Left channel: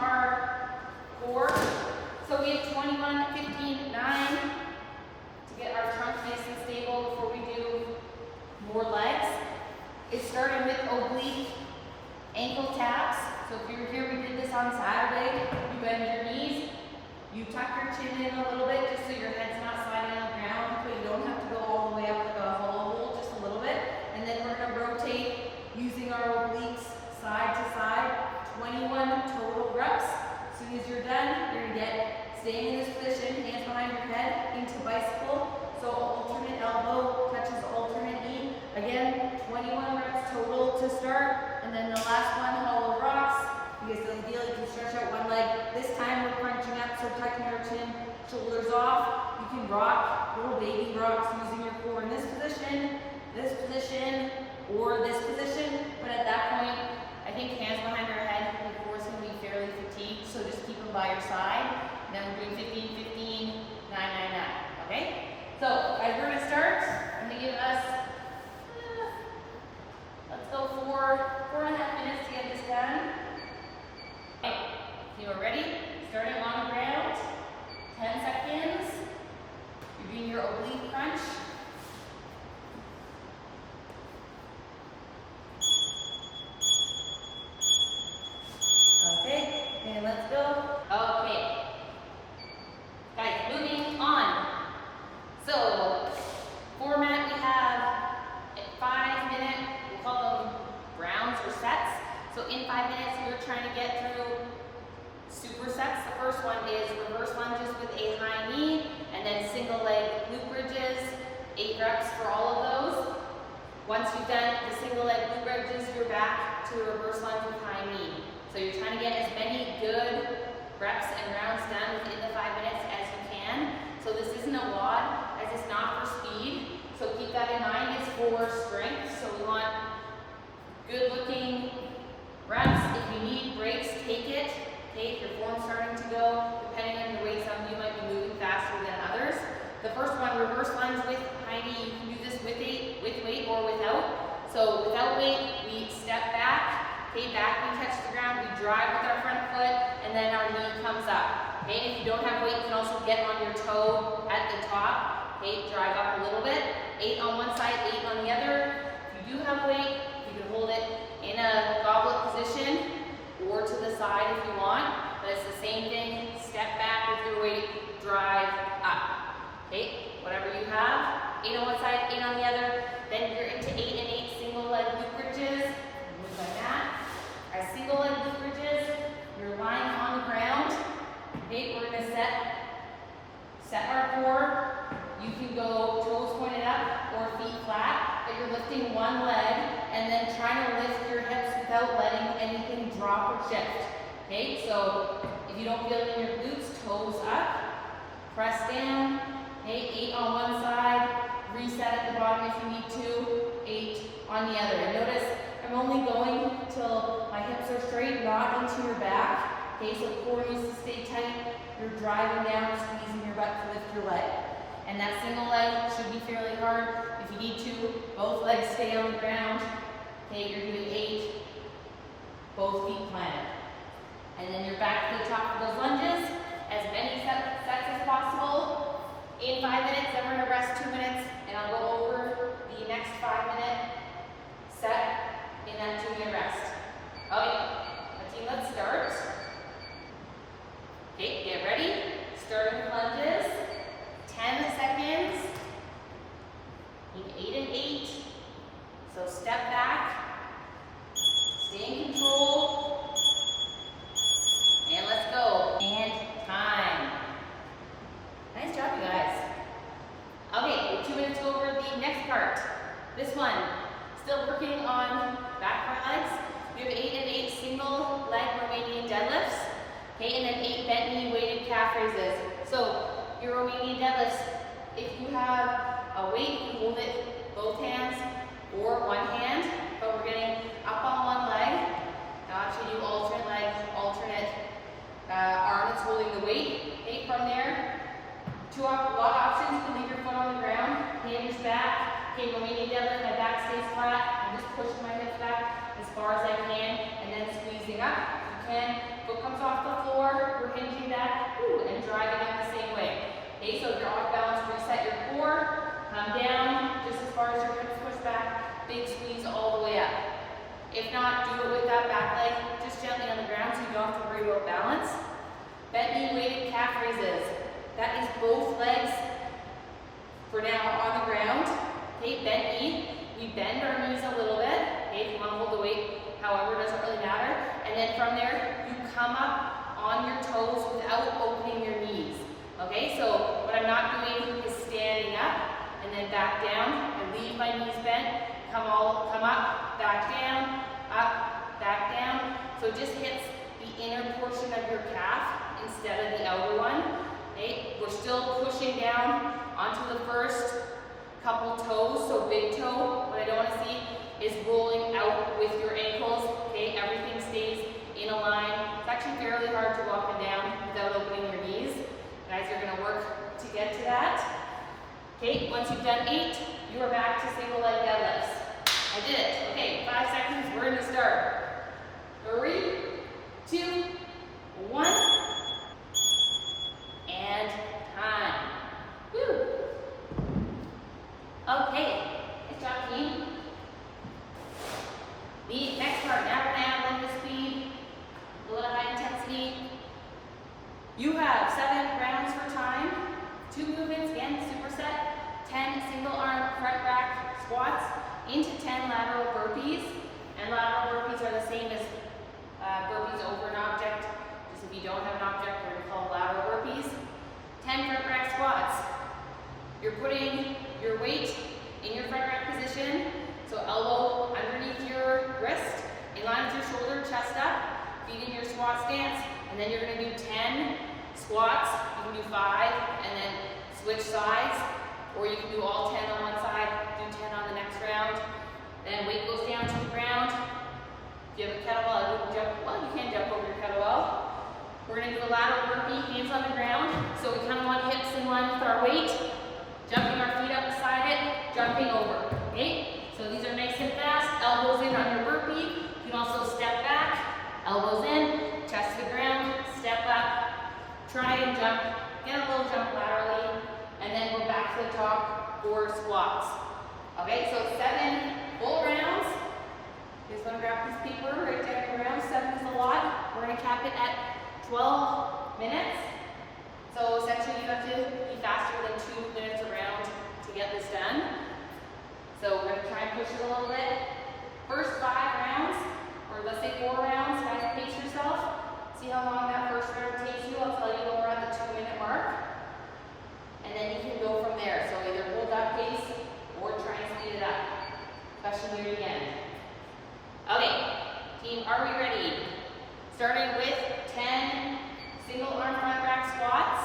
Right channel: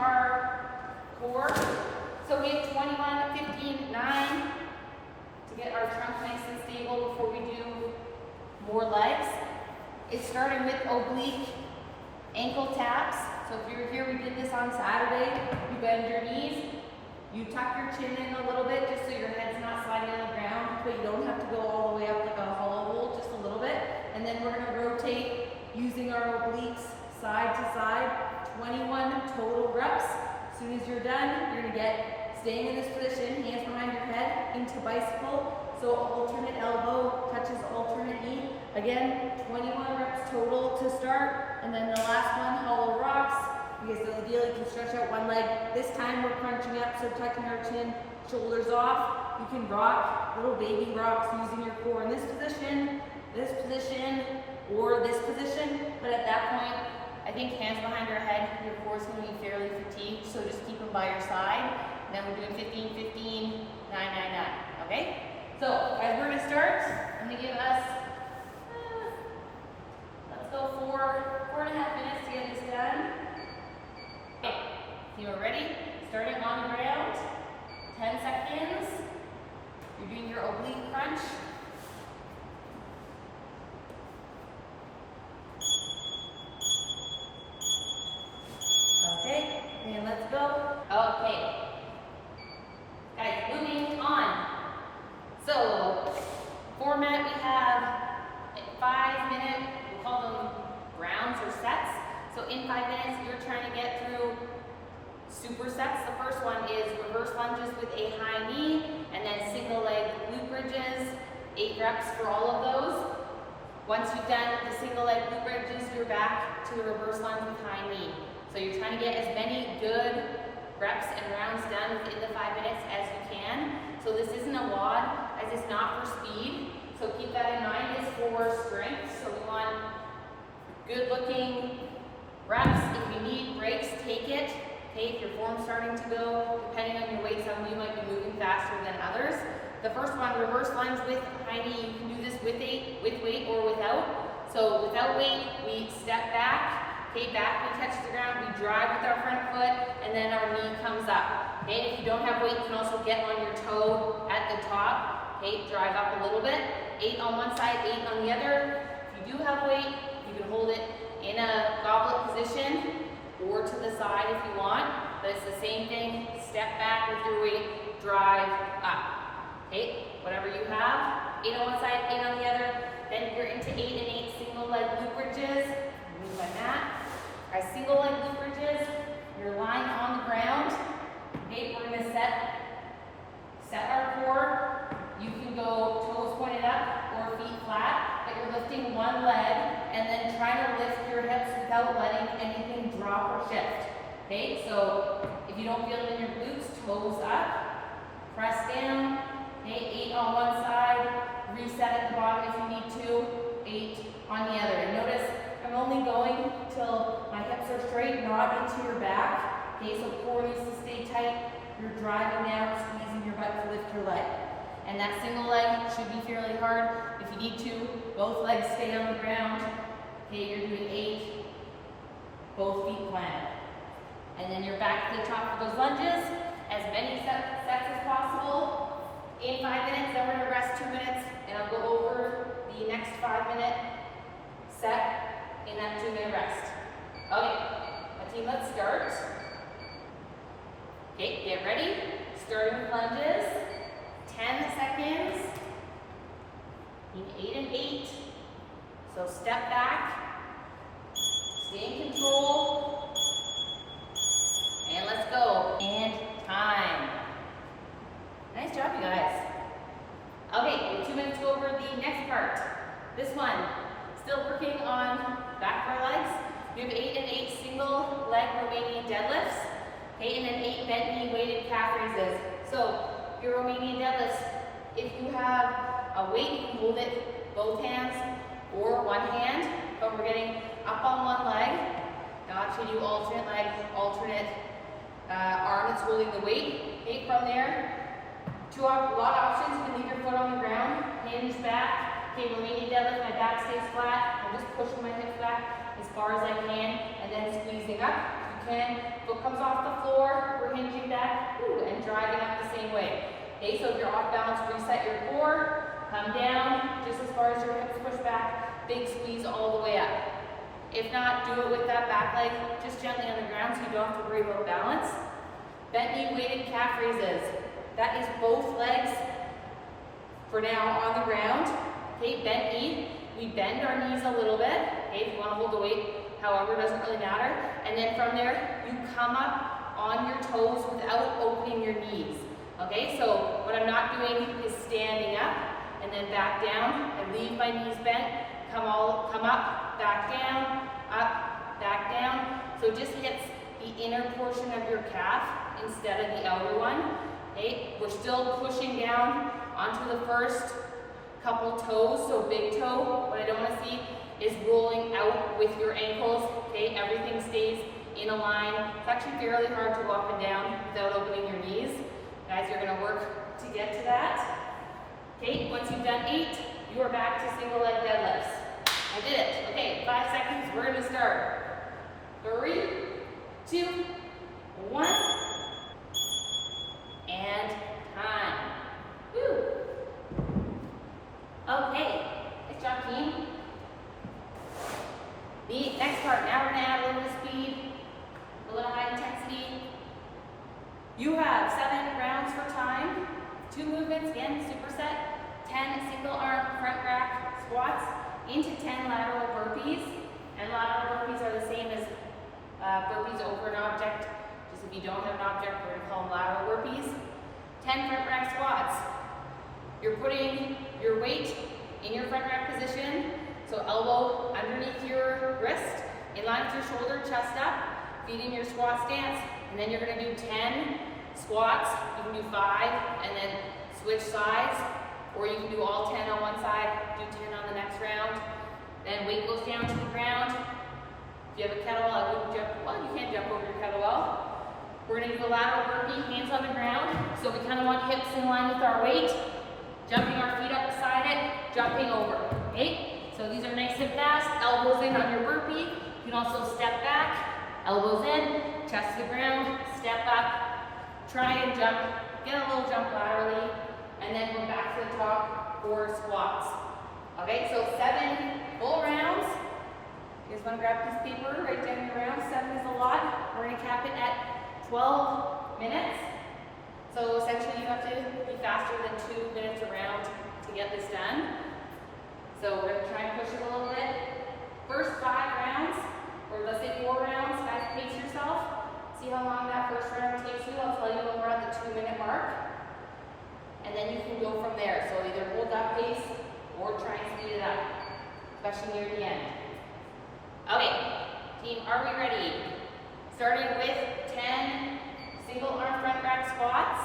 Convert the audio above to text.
our core. So we have 21, 15, 9 to get our trunk nice and stable before we do more legs. It's starting with oblique ankle taps. So if you're here, we did this on Saturday. You bend your knees, you tuck your chin in a little bit just so your head's not sliding on the ground, but you don't have to go all the way up like a hollow hole, just a little bit. And then we're gonna rotate using our obliques side to side, 21 total reps. As soon as you're done, you're gonna get, staying in this position, hands behind your head, into bicycle. So alternate elbow touches alternate knee. Again, 21 reps total to start. And then the last one, hollow rocks. Because ideally you can stretch out one leg. This time we're crunching up, so tucking our chin, shoulders off. You can rock, little baby rocks using your core in this position, or this position. But at that point, I think hands behind our head, your core is going to be fairly fatigued, so just keep them by your side. And then we're doing 15, 15, 9, 9, 9, okay? So, as we're going to start, I'm going to give us, let's go for 4.5 minutes to get this done. Okay, you are ready? Starting on the ground, 10 seconds. You're doing your oblique crunch. Okay, and let's go. Okay. Guys, moving on. So, format, we have a 5-minute, we call them rounds or sets. So in 5 minutes, you're trying to get through supersets. The first one is reverse lunges with a high knee, and then single leg glute bridges, 8 reps for all of those. Once you've done the single leg glute bridges, you're back to a reverse lunge with high knee. So you're trying to get as many good reps and rounds done within the 5 minutes as you can. So this isn't a WOD, as it's not for speed. So keep that in mind, it's for strength. So we want good looking reps. If you need breaks, take it. Okay, if your form's starting to go, depending on your weight, some of you might be moving faster than others. The first one, reverse lunge with high knee. You can do this with weight or without. So without weight, we step back. Okay, back, we touch the ground, we drive with our front foot, and then our knee comes up. Okay, if you don't have weight, you can also get on your toe at the top. Okay, drive up a little bit. 8 on one side, 8 on the other. If you do have weight, you can hold it in a goblet position or to the side if you want. But it's the same thing. Step back with your weight, drive up. Okay, whatever you have. 8 on one side, 8 on the other. Then you're into 8 and 8 single leg glute bridges. Move my mat. Our single leg glute bridges, you're lying on the ground. Okay, we're gonna set our core. You can go toes pointed up or feet flat, but you're lifting one leg and then trying to lift your hips without letting anything drop or shift. Okay, so if you don't feel it in your glutes, toes up, press down. Okay, 8 on one side, reset at the bottom if you need to, 8 on the other. And notice I'm only going till my hips are straight, not into your back. Okay, so core needs to stay tight. You're driving down, squeezing your butt to lift your leg. And that single leg should be fairly hard. If you need to, both legs stay on the ground. Okay, you're doing 8, both feet planted. And then you're back to the top of those lunges. As many sets as possible in 5 minutes. Then we're gonna rest 2 minutes, and I'll go over the next 5-minute set in that 2-minute rest. Okay, team, let's start. Okay, get ready. Starting with lunges. 10 seconds. 8 and 8. So step back. Stay in control. And let's go. And time. Nice job, you guys. Okay, we have 2 minutes to go over the next part. This one, still working on back of our legs. We have 8 and 8 single leg Romanian deadlifts. Okay, and then 8 bent knee weighted calf raises. So your Romanian deadlifts, if you have a weight, you can hold it both hands or one hand. But we're getting up on one leg. Now actually do alternate leg, alternate arm that's holding the weight. Okay, from there, a lot of options. You can leave your foot on the ground, hinge back. Okay, Romanian deadlift, my back stays flat. I'm just pushing my hips back as far as I can and then squeezing up. You in, foot comes off the floor, we're hinging back, and driving up the same way. Okay, so if you're off balance, reset your core, come down, just as far as your hips push back, big squeeze all the way up. If not, do it with that back leg, just gently on the ground so you don't have to worry about balance. Bent knee weighted calf raises. That is both legs for now on the ground. Okay, bent knee. We bend our knees a little bit. Okay, if you want to hold the weight, however, it doesn't really matter. And then from there, you come up on your toes without opening your knees. Okay, so what I'm not doing is standing up and then back down. I leave my knees bent, come up, back down, up, back down. So it just hits the inner portion of your calf instead of the outer one. Okay, we're still pushing down onto the first couple toes, so big toe. What I don't want to see is rolling out with your ankles. Okay, everything stays in a line. It's actually fairly hard to go up and down without opening your knees. Guys, you're going to work to get to that. Okay, once you've done 8, you are back to single leg deadlifts. I did it. Okay, 5 seconds, we're going to start. 3, 2, 1, and time. Woo! Okay, nice job, team. The next part, now we're going to add a little bit of speed, a little high intensity. You have 7 rounds for time, 2 movements, again, superset, 10 single arm front rack squats, into 10 lateral burpees. And lateral burpees are the same as burpees over an object. Just if you don't have an object, we're going to call them lateral burpees. 10 front rack squats. You're putting your weight in your front rack position. So elbow underneath your wrist, in line with your shoulder, chest up, feet in your squat stance. And then you're going to do 10 squats. You can do 5 and then switch sides. Or you can do all 10 on one side, do 10 on the next round. Then weight goes down to the ground. If you have a kettlebell, I wouldn't jump. Well, you can jump over your kettlebell. We're going to do a lateral burpee, hands on the ground. So we kind of want hips in line with our weight. Jumping our feet up beside it, jumping over. Okay? So these are nice and fast. Elbows in on your burpee. You can also step back, elbows in, chest to the ground, step up, try and jump, get a little jump laterally, and then go back to the top for squats. Okay, so 7 full rounds. You just want to grab this paper, write down your rounds. 7 is a lot. We're going to cap it at 12 minutes. So essentially you have to be faster than 2 minutes a round to get this done. So we're going to try and push it a little bit. First 5 rounds, or let's say 4 rounds, guys, pace yourself. See how long that first round takes you. I'll tell you when we're at the 2-minute mark. And then you can go from there. So either hold that pace or try and speed it up, especially near the end. Okay, team, are we ready? Starting with 10 single arm front rack squats.